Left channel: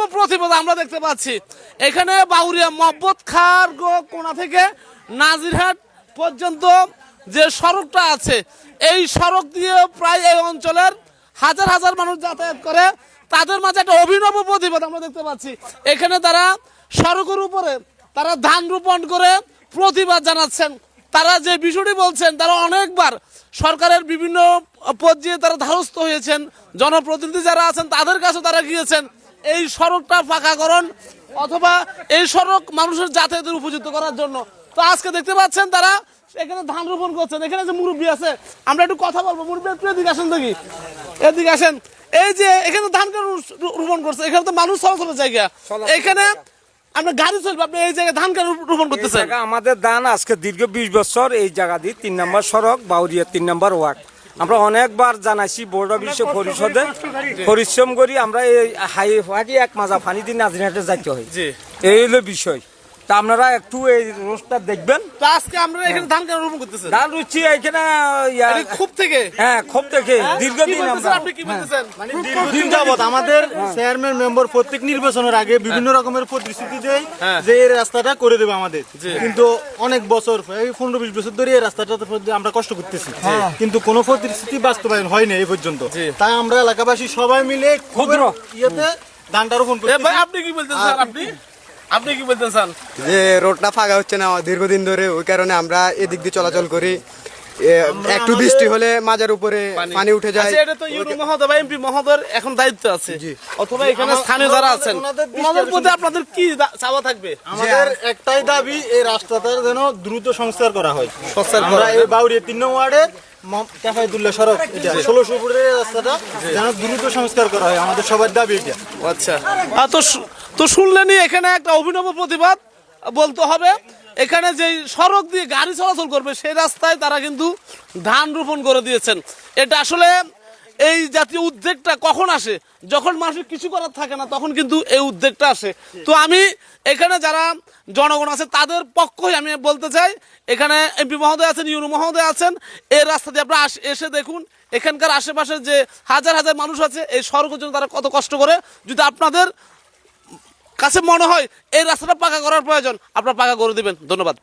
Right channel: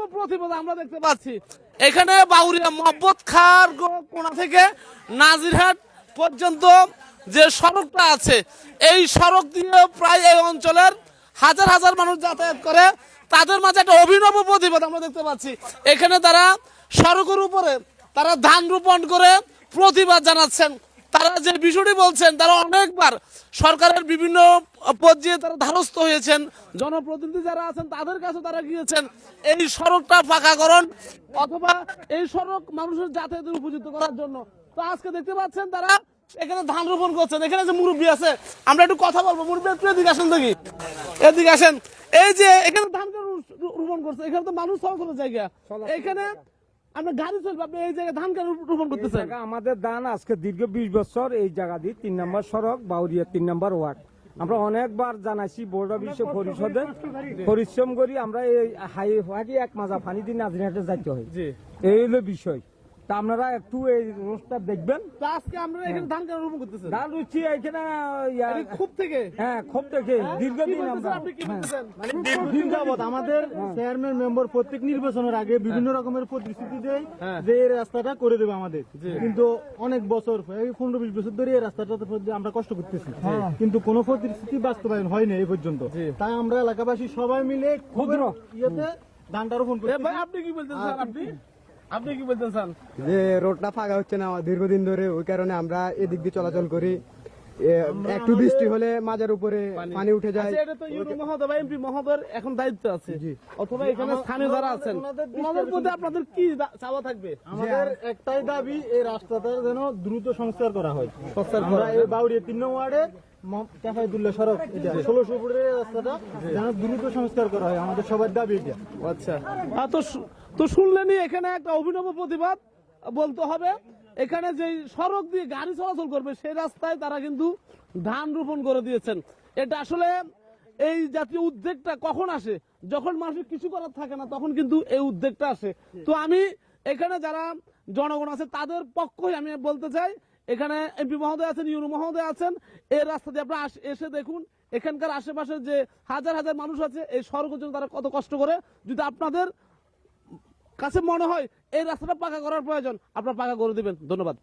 অভিনব প্রতিবাদ আমরা দেখতে পাচ্ছি। এখানে বাউরিয়া মহব্বত খার কোণা থেকে নাজিরহাট পর্যন্ত যে সড়কটা আছে, এই সড়ক দিয়ে প্রায় এই অঞ্চলের হাজার হাজার মানুষ যাতায়াত করে। তাদের মাঝে একটা অভিনব প্রতিবাদ আমরা দেখতে পাচ্ছি। এখানে তারা সড়কের উপরে তারা ধান রোপণ করে প্রতিবাদ জানাচ্ছেন। তারা যে বিষয়টি বলছেন, তারা অনেকবার সরকারের বিভিন্ন পর্যায়ে তারা ধারস্থ হয়েছেন, জনপ্রতিনিধি যারা আছেন তাদের কাছে তারা গিয়েছেন এই সড়কটা পাকাকরণ অথবা এই সড়ক মানুষের যাতায়াতের উপযুক্ত করার জন্য। তো আজকে দেখতে পাচ্ছেন তারা এখানে ধান রোপণ করছেন। এখানে যে মুরব্বী আছে, আমরা একটু কথা বলবো। মুরব্বী একটু এদিকে আসেন, দেখি এদিকে আসেন। এই যে এখানে ধান রোপণ করছে, এখানে তো মানুষ চলাচলের জায়গা, এখানে আমরা গাড়ি চলবে, আপনি এই জায়গায় ধান কেন রোপণ করতেছেন? আমাদের ধান আজকে দীর্ঘ 20 বছর এই জায়গা দিয়ে 3 নম্বর সড়ক বাউরিয়া 3 নম্বর ওয়ার্ড। আমরা অনেকবার জানাইছি বোর্ড অফ পরিষদে, পরিশ্রম করি আমরা এই হাই এক মাজা পানি দিয়ে নাজিরহাটে যাইতে হয়। এই হলো বিষয়। তা আপনারা একটু এই রোডটা দেখবেন। তো আজকে আমরা এখানে ধান কেন রোপণ করতেছেন? ধান রুচি এখানে খুব থেকে, হ্যাঁ খুব থেকে দীর্ঘদিন আমরা আপনি কি বলতেছেন? মানে দীর্ঘদিন যাবত আমাদের চেয়ারম্যান মেম্বার প্রত্যেক নির্বাচনের আগে বিভিন্ন রকমের প্রতিশ্রুতি দেয় যে এই রাস্তাটা করে দেবে আমাদের, কিন্তু অনেক বছর এই 15-20 বছর ধরে এই রাস্তাটা আমরা কষ্ট করতেছি, কিন্তু কোনো প্রতিশ্রুতি বাস্তবায়ন হয়নি এই পর্যন্ত। তাই আমরা এলাকাবাসী সবাই মিলে ক্ষুদ্র ইয়েতে ধানটা রোপণ করতেছি। ভাই আপনি কি বলতেছেন? আপনি কি বলতে চান? যে রোডটা ফাঁকা হচ্ছে না দীর্ঘদিন ধরে, ওই কারণে আমরা এদিক দিয়ে চলাচল করি। একটু বৃষ্টি হলে মাজার উপরে পানি উঠে যায়। এটা তো ইউরো মহোদয় বা এমপি মহোদয়ের এখন দায়িত্ব আছে, অথবা এখানে স্থানীয় যারা আছেন ওনাদের প্রতি আপনাদের কি চাওয়া থাকবে? আমাদের একটাই দাবি, এই রাস্তাটা যেন দ্রুত সংস্কার করা হয়। আমরা এই বাউরিয়া 3 নং ওয়ার্ডের কাফায়তুল্লাহ সড়ক, এটা 1600 ফুটের রাস্তাটা যেন দ্রুত সংস্কার করা হয়, আমাদের সবার দাবি এটা। আচ্ছা, তো শুনলেনই, এখানে একটা অভিনব প্রতিবাদ বলতে হবে। এখানে যে সড়ক দিয়ে গাড়ি চলাচল করবে সেই রাস্তায় তারা কিন্তু ধান রোপণ করে দিয়েছেন। এটা আসলে এই জাতীয় উদ্যোগটা কখন আসে? যখন মানুষের কিছু করার থাকে না, তখন কিন্তু এই উদ্যোগটা আসে। তো আমি এখানে যারা জনগণ আছে তাদের পক্ষই আমি বলতে চাই, এখানে এমপি মহোদয় আছেন, ইউনো মহোদয় আছেন, এই রাস্তা দিয়ে আপনারা এসে দেখুন এখানকার আশেপাশে যে হাজার হাজার মানুষ আছে এই সড়কের জন্য তারা কত কষ্ট করে। যদি আপনাদের কাছে মনে হয় এই রাস্তাটা পাকা করার প্রয়োজন, আপনারা পাকা করে দিবেন। ধন্যবাদ।